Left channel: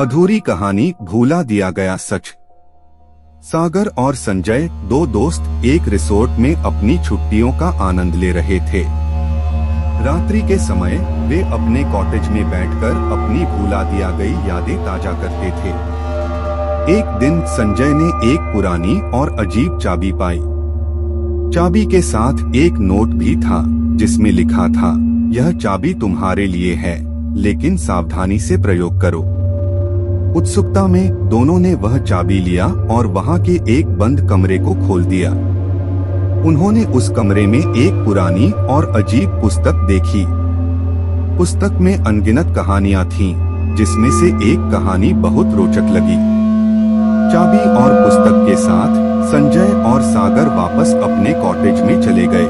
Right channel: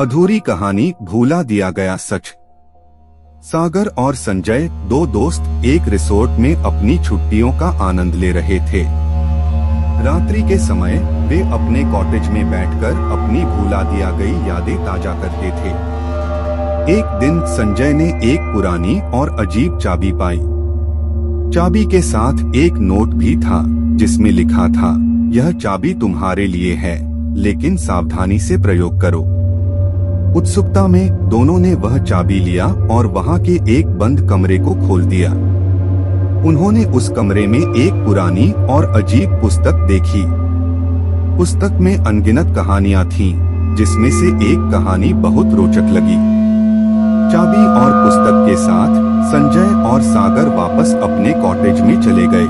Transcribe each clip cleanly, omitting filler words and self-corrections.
अधूरी कहानी, भूला दिया गया सच। सागर और संजय, दो दोस्त, एक रिसोर्ट में अपनी छुट्टियों का आनंद ले रहे थे। रात्रि के समय वे अपने कॉटेज में बैठकर अपनी भूला दिया गई यादें ताजा करते थे। एक दिन संजय ने एक पुरानी और अजीब चाबी पाई। चाबी के साथ एक नोट भी था जिसमें लिखा था, यह चाबी तुम्हारे लिए है, लेकिन सावधानी से प्रयोग करो। उत्सुकता में दोनों ने वह चाबी लिया और वहां के एक बंद कमरे को खोल दिया। उन्होंने उस कमरे में एक पुरानी और अजीब पुस्तक देखी। पुस्तक में अनगिनत कहानियां थीं, जिसमें से एक कहानी बहुत रोचक लगी। चाबी और पुस्तक के साथ संजय और सागर वापस अपने कॉटेज में चले गए।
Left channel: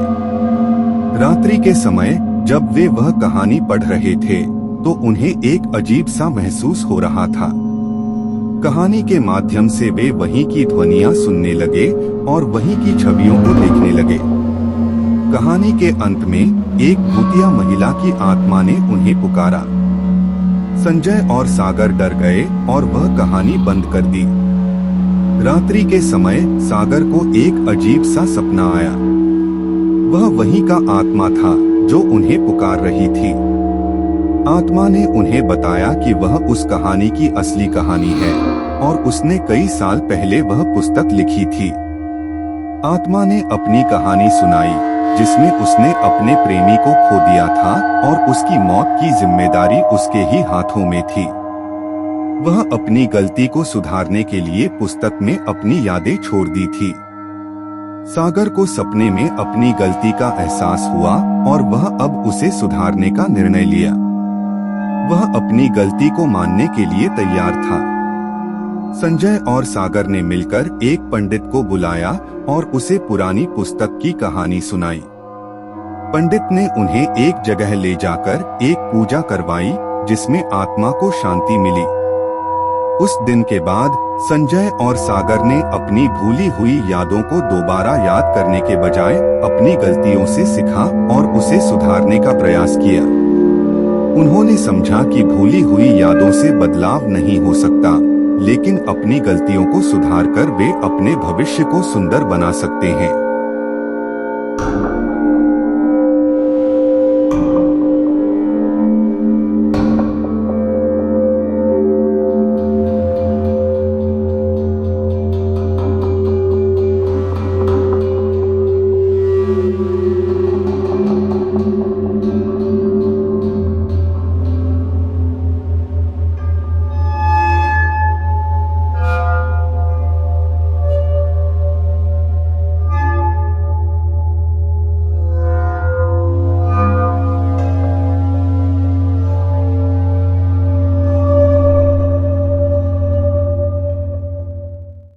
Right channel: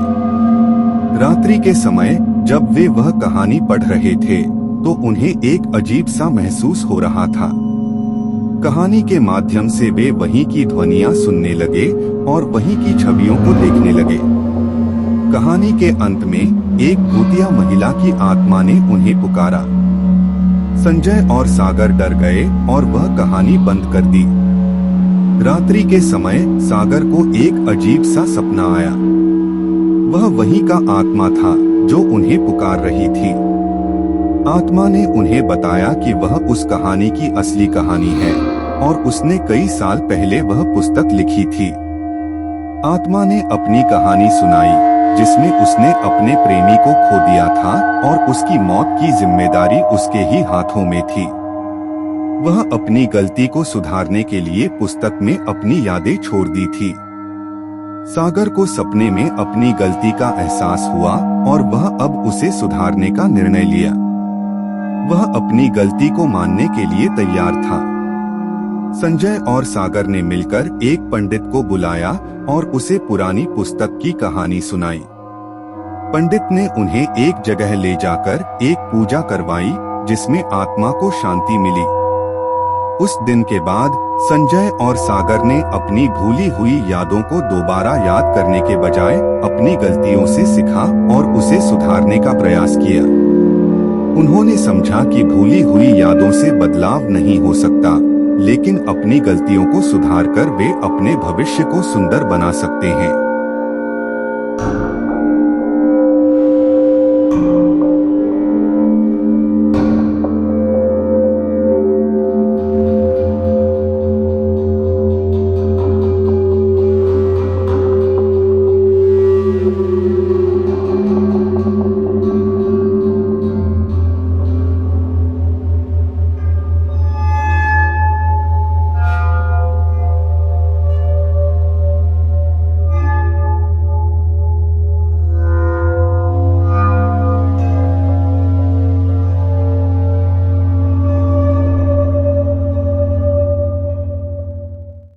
रात्रि के समय जब वे वह कहानी पढ़ रहे थे तो उन्हें एक अजीब सा महसूस हो रहा था। कहानी के माध्यम से वे वहीं की ध्वनियां सुनने लगे और वहीं की छवियों को देखने लगे। कहानी के अंत में एक भूतिया महिला की आत्मा ने उन्हें पुकारा। संजय और सागर डर गए और वह कहानी बंद कर दी। रात्रि के समय सागर को एक अजीब सा सपना आया। वह वहीं का आत्मा था जो उन्हें पुकार रही थी। आत्मा ने उन्हें बताया कि वह उस कहानी की असली कहानी है और उसने कई साल पहले वह पुस्तक लिखी थी। आत्मा ने अपनी कहानी सुनाई, जिसमें उसने अपने प्रेमी को खो दिया था और उसकी मौत की जिम्मेदारी उसके ही हाथों में थी। वह अपनी गलती को सुधारने के लिए पुस्तक में अपनी यादें छोड़ दी थी। सागर को सपने में अपनी गलती का एहसास हुआ और वह अब उसे सुधारने का निर्णय लिया। वह अपनी गलती को मानने के लिए तैयार था। संजय और सागर ने मिलकर एक पंडित को बुलाया और उसे पुरानी पुस्तक की कहानी सुनाई। पंडित ने उन्हें एक जगह ले जाकर एक पूजा करवाई, जिसमें आत्मा को शांति मिली। उस दिन के बाद संजय और सागर ने अपनी भूली हुई यादों को दोबारा याद करने के बजाय अपनी गलतियों से सीखा और उसे सुधारने का प्रयास किया। उन्होंने समझा कि भूली हुई यादों से बदलाव नहीं हो सकता, लेकिन अपनी गलतियों को सुधारकर वे अपने भविष्य को सुंदर बना सकते हैं।